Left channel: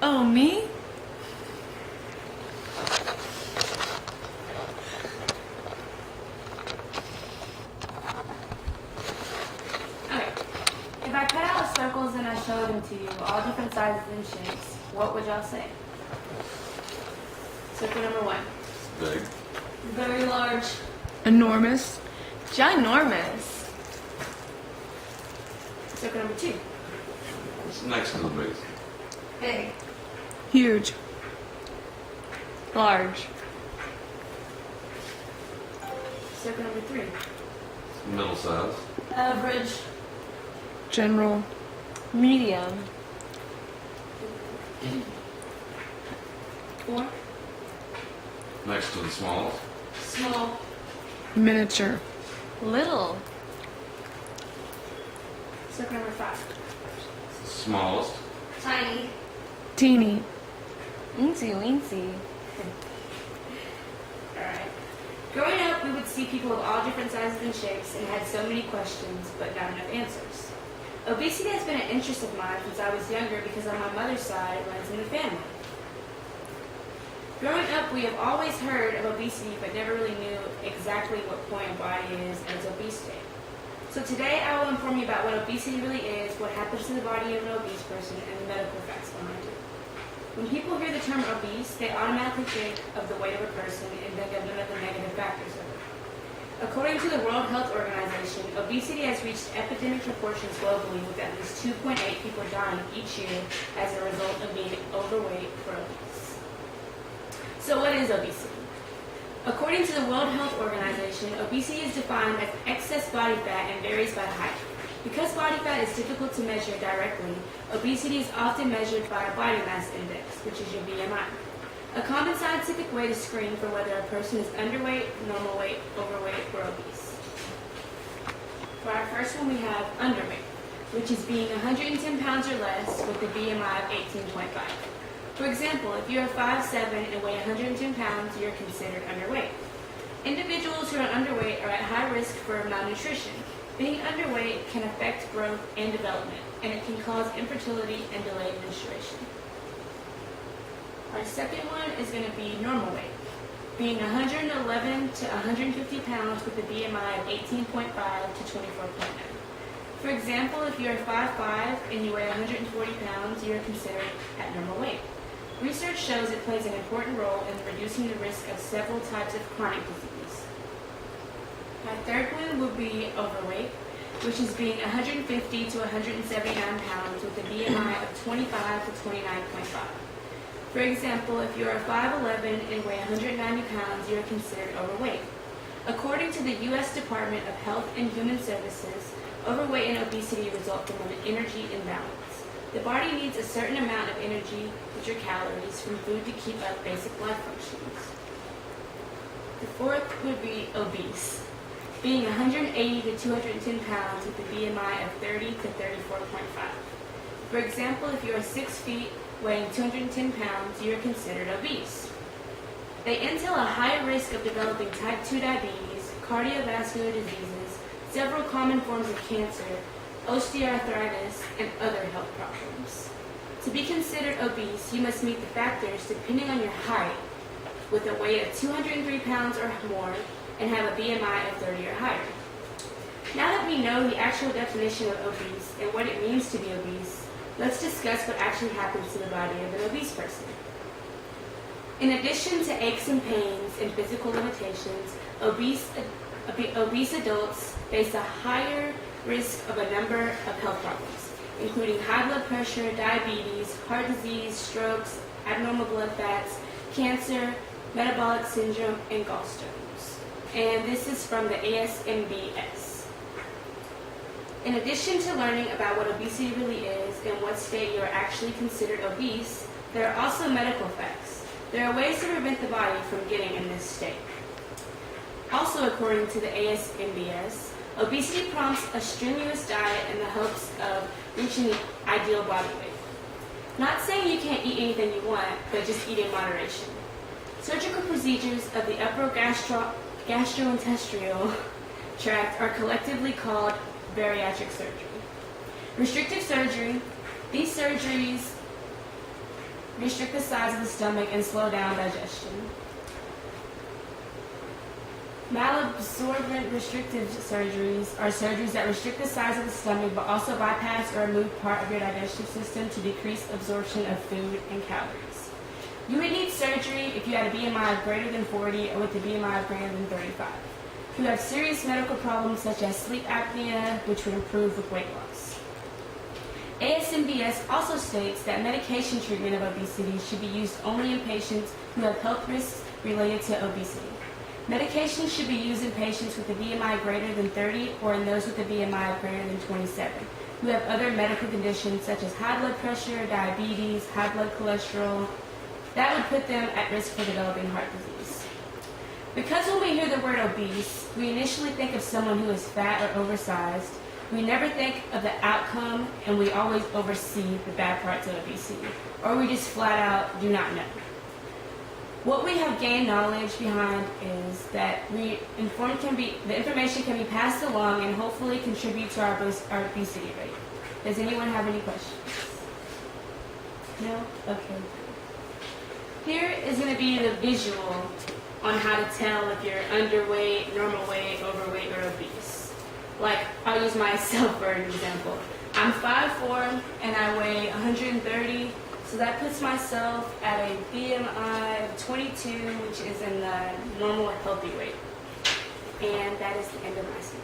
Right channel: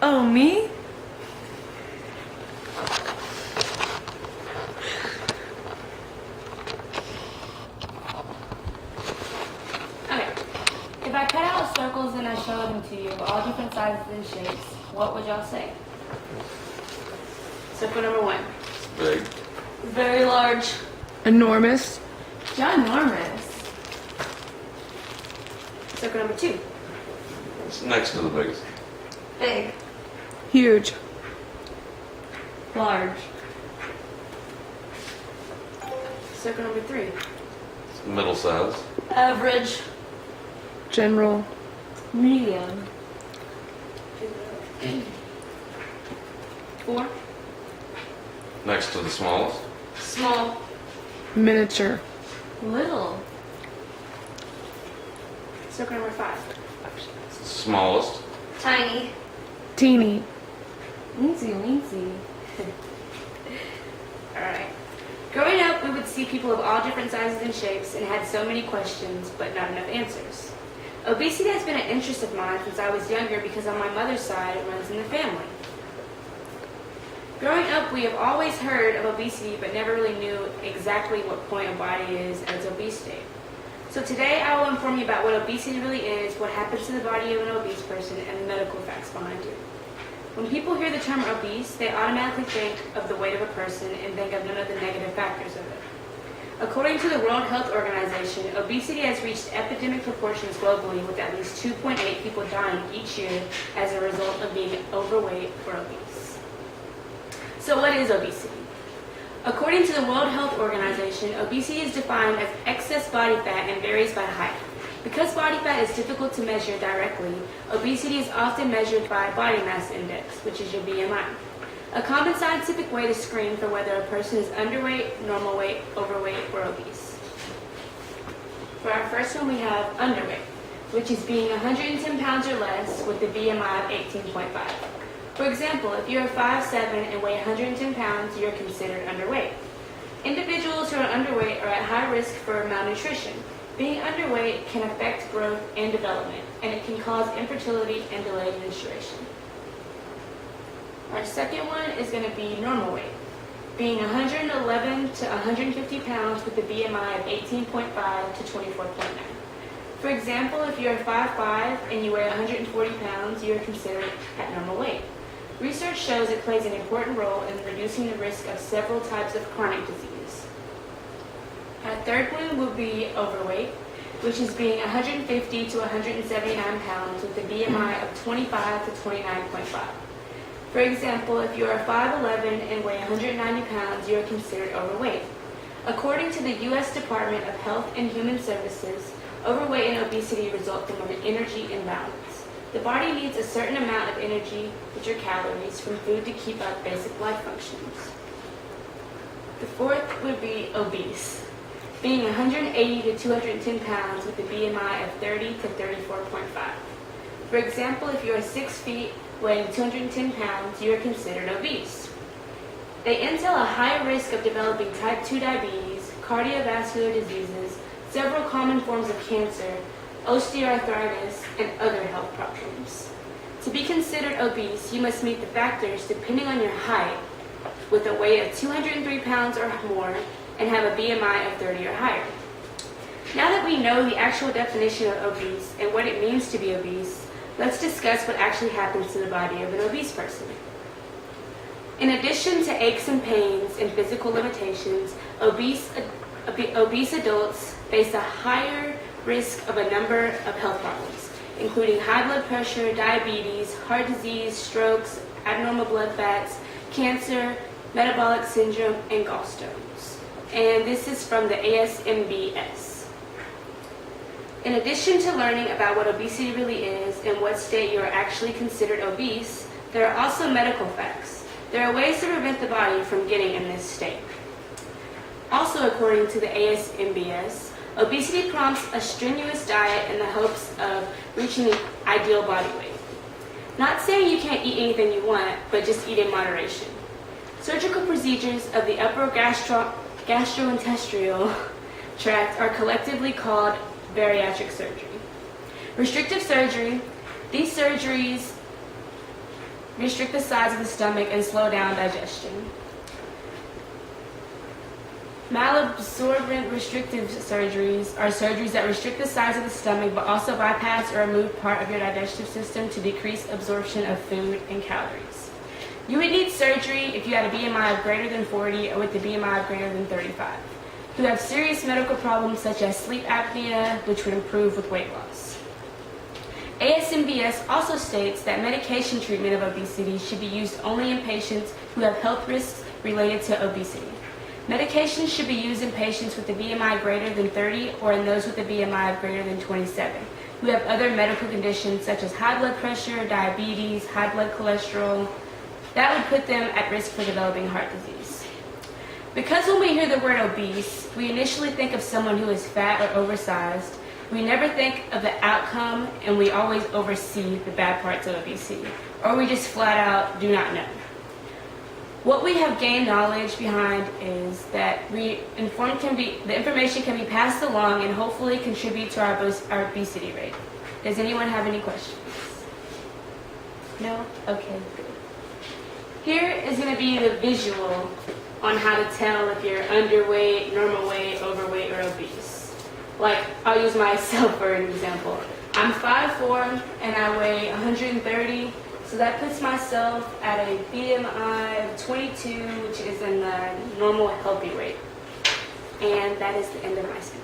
Oh, me? Okay. If I cut out circles and I show them to you, all different sizes and shapes, what would y'all say? Circle number 1. Big. Very large. Enormous. Ginormous. Circle number 2. It's next to the biggest. Big. Huge. Large. Circle number 3. It's middle size. Average. General. Medium. 4. Next to the smallest. Small. Miniature. Little. Circle number 5. It's the smallest. Tiny. Teeny. Weensy weensy. Alright. Growing up, we would see people of all different sizes and shapes and had so many questions, but not enough answers. Obesity has been an interest of mine since I was younger because on my mother's side, it runs in the family. Growing up, we have always heard of obesity, but never really knew exactly what point a body is at its obese state. So today, I will inform you about what obesity really is, what happens to the body of an obese person, and the medical facts behind it. When people hear the term obese, they automatically think of the weight of a person and think of none of the negative factors of it. According to the World Health Organization, obesity has reached epidemic proportions globally, with at least 2.8 people dying each year as a result of being overweight or obese. So what is obesity? According to the World Health Organization, obesity is defined as excess body fat and varies by height. Because body fat is difficult to measure directly, obesity is often measured by body mass index, which is your BMI. A common scientific way to screen for whether a person is underweight, normal weight, overweight, or obese. For our first one, we have underweight, which is being 110 pounds or less with a BMI of 18.5. For example, if you are 5'7" and weigh 110 pounds, you're considered underweight. Individuals who are underweight are at high risk for malnutrition. Being underweight can affect growth and development, and it can cause infertility and delayed menstruation. Our second one is going to be normal weight, being 111 to 150 pounds with a BMI of 18.5 to 24.9. For example, if you are 5'5" and you weigh 140 pounds, you are considered at normal weight. Research shows it plays an important role in reducing the risk of several types of chronic disease. Our third one will be overweight, which is being 150 to 179 pounds with a BMI of 25 to 29.5. For example, if you are 5'11" and weigh 190 pounds, you are considered overweight. According to the U.S. Department of Health and Human Services, overweight and obesity result from an energy imbalance. The body needs a certain amount of energy, which are calories, from food to keep up basic life functions. The fourth would be obese, being 180 to 210 pounds with a BMI of 30 to 34.5. For example, if you are 6 feet, weighing 210 pounds, you are considered obese. They entail a higher risk of developing type 2 diabetes, cardiovascular diseases, several common forms of cancer, osteoarthritis, and other health problems. To be considered obese, you must meet the factors depending on your height, with a weight of 203 pounds or more, and have a BMI of 30 or higher. Now that we know the actual definition of obese and what it means to be obese, let's discuss what actually happens to the body of an obese person. In addition to aches and pains and physical limitations, obese adults face a higher risk of a number of health problems, including high blood pressure, diabetes, heart disease, strokes, abnormal blood fats, cancer, metabolic syndrome, and gallstones. And this is from the ASMBS. In addition to learning about what obesity really is and what state you are actually considered obese, there are also medical facts. There are ways to prevent the body from getting in this state. Also, according to the ASMBS, obesity prompts a strenuous diet in the hopes of reaching the ideal body weight. Not saying you can't eat anything you want, but just eat in moderation. Surgical procedures of the upper gastrointestinal tract are collectively called bariatric surgery. Restrictive surgery, these surgeries restrict the size of the stomach, and slow down digestion. Malabsorbent restrictive surgeries are surgeries that restrict the size of the stomach but also bypass or remove part of your digestive system to decrease absorption of food and calories. You would need surgery if you had a BMI of greater than 40 or with a BMI of greater than 35. Who have serious medical problems such as sleep apnea, which would improve with weight loss. ASMBS also states that medication treatment of obesity should be used only in patients who have health risks related to obesity. Medications should be used in patients with a BMI greater than 30 or in those with a BMI of greater than 27, who have other medical conditions such as high blood pressure, diabetes, high blood cholesterol. That would put them at risk for developing heart disease. Because when we hear the word obese, we initially think of someone who is fat or oversized. We never think of the outcome, and we always oversee the bad parts of obesity, or we just flat out do not know. What we have gained knowledge behind is that the information can be passed along and hopefully contribute to our obesity rate. Does anyone have any questions? No? Okay, good. Here is going to be the visual on how to tell if you're underweight, normal weight, overweight, or obese. Like, I'll use myself for an example. I'm 5'4", and I weigh 130, so that puts myself at a BMI of 22, which is in the normal healthy weight. And that is the end of my speech.